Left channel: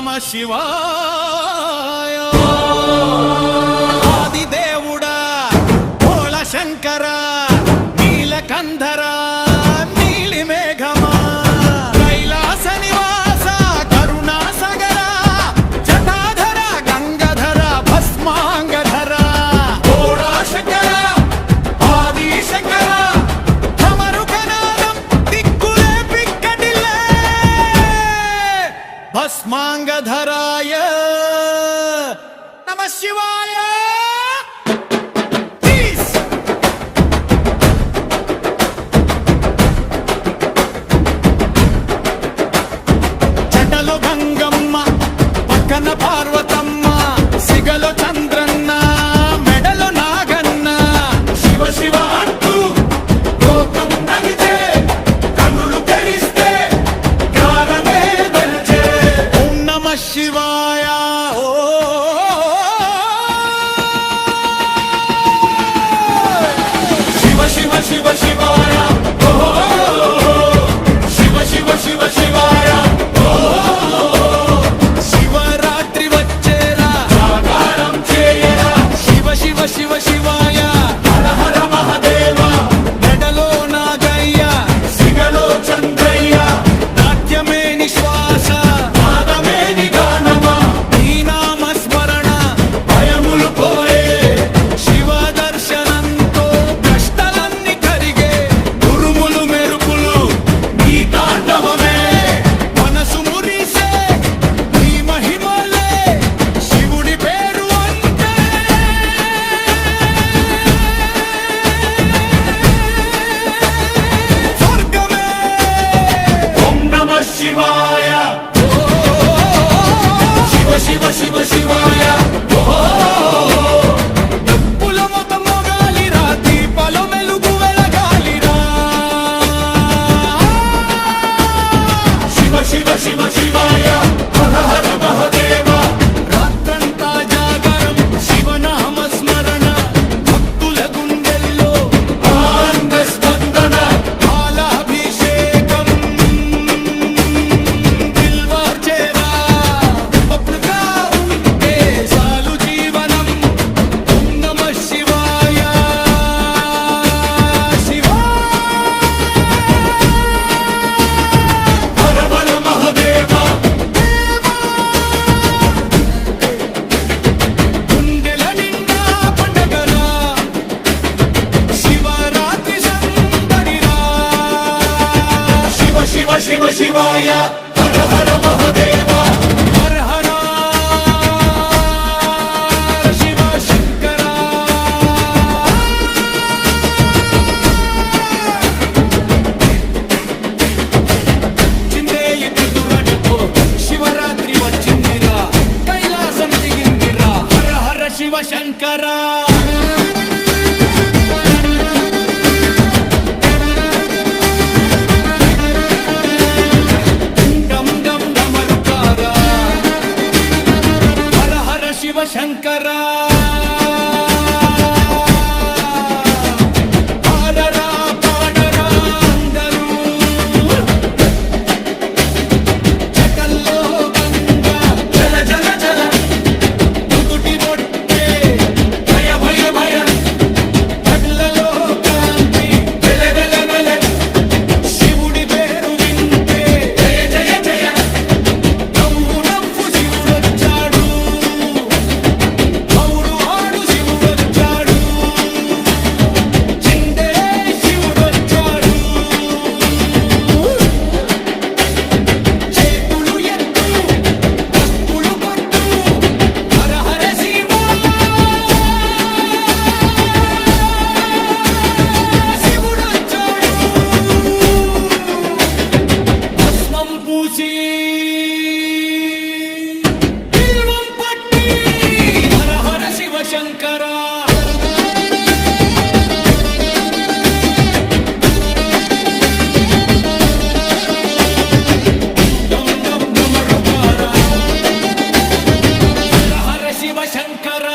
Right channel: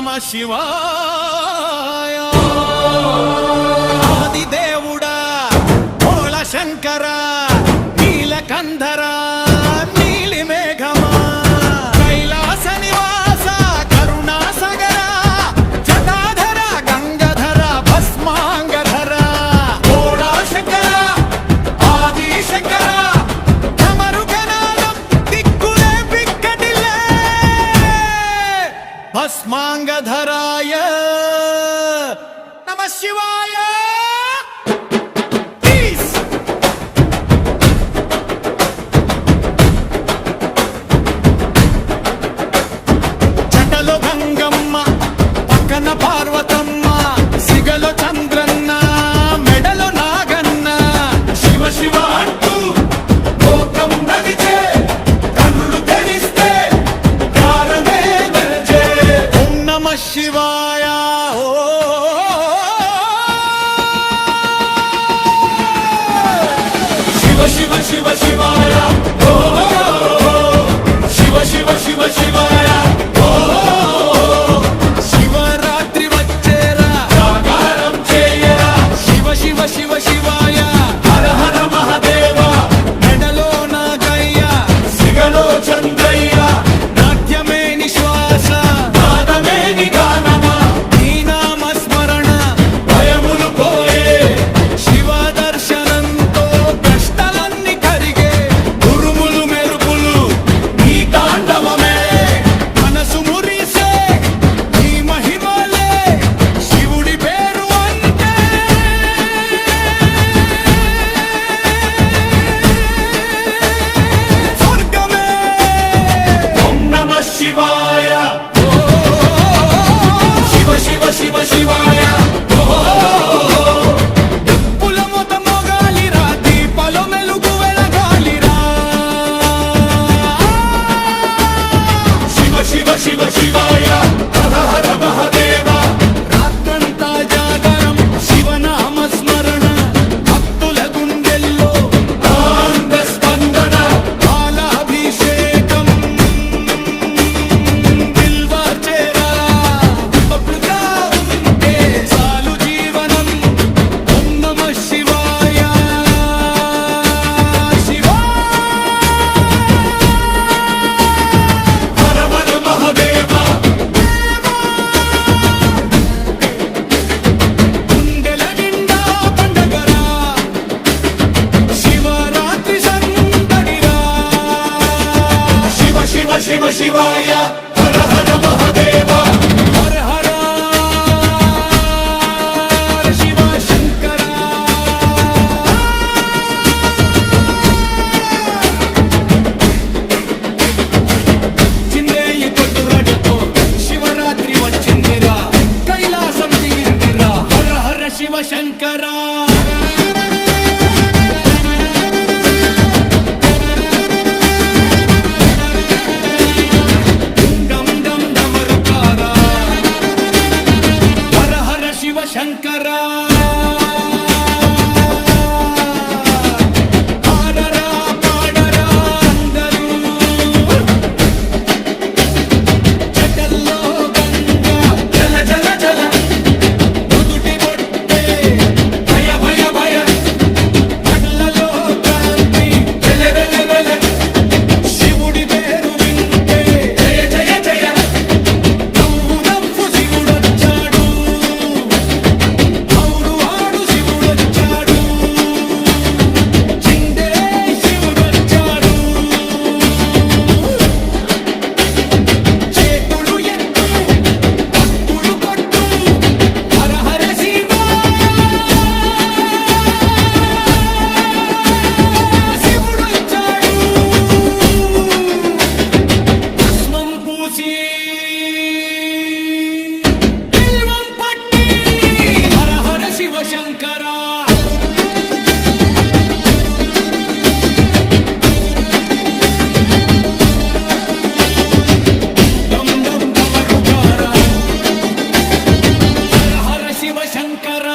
నమః శివాయ. ఆదిదేవుడా భోళ శంకర నీలకంధర నీలి మేఘమా కైలాస నివాస కరుణాసగర జటాధర గంగధర భస్మాంగధర భోళా శంకర ఆది శంకర భస్మాంగధరాయ నమః శివాయ. జటలో గంగమ్మ పక్కన పార్వతమ్మ సిగలో చంద్రన్న మెడలో నాగన్న శివ శివ అంటూ లోకం నడిచే కన్నులు తెరిస్తే నమః శివాయ. ఓ శివ శివ శివ శివాయ ఓ శివ శివ శివ శివాయ ఓ శివరాత్రి వచ్చేరా జాగారం చేయరా శివ శివ శివ శివాయ హర హర మహాదేవ మెడలో నాగయ్య సిగలో చంద్రయ్య నాట్యమే నిశ్వాస శివ శివాయ దుప్పుల మొత మొగాలిరా దీపాలో మెలుగు వెలగాలిరా శివ శివ శివ శివాయ హర హర మహాదేవ రాత్రంతా జాగరం శివనామ స్మరణ భక్తుల గుండెల్లో ఆనంద స్పందన పాలాభిషేకం శివాయ శివ హర హర మహాదేవ గుండెల నిండా పండగరా శివరాత్రి సందడిరా శివ శివ శివ శివాయ హర హర మహాదేవ హర హర శివరాత్రి వచ్చిందిరా కైలాసం దిగిందిరా హర హర శివ శంకర. డం డం డమరుకారా హర హర శివ శంకర. పూసి బిల్వం పట్టి హర హర శివ శంకర. డం డం డమరుకారా హర హర శివ శంకర.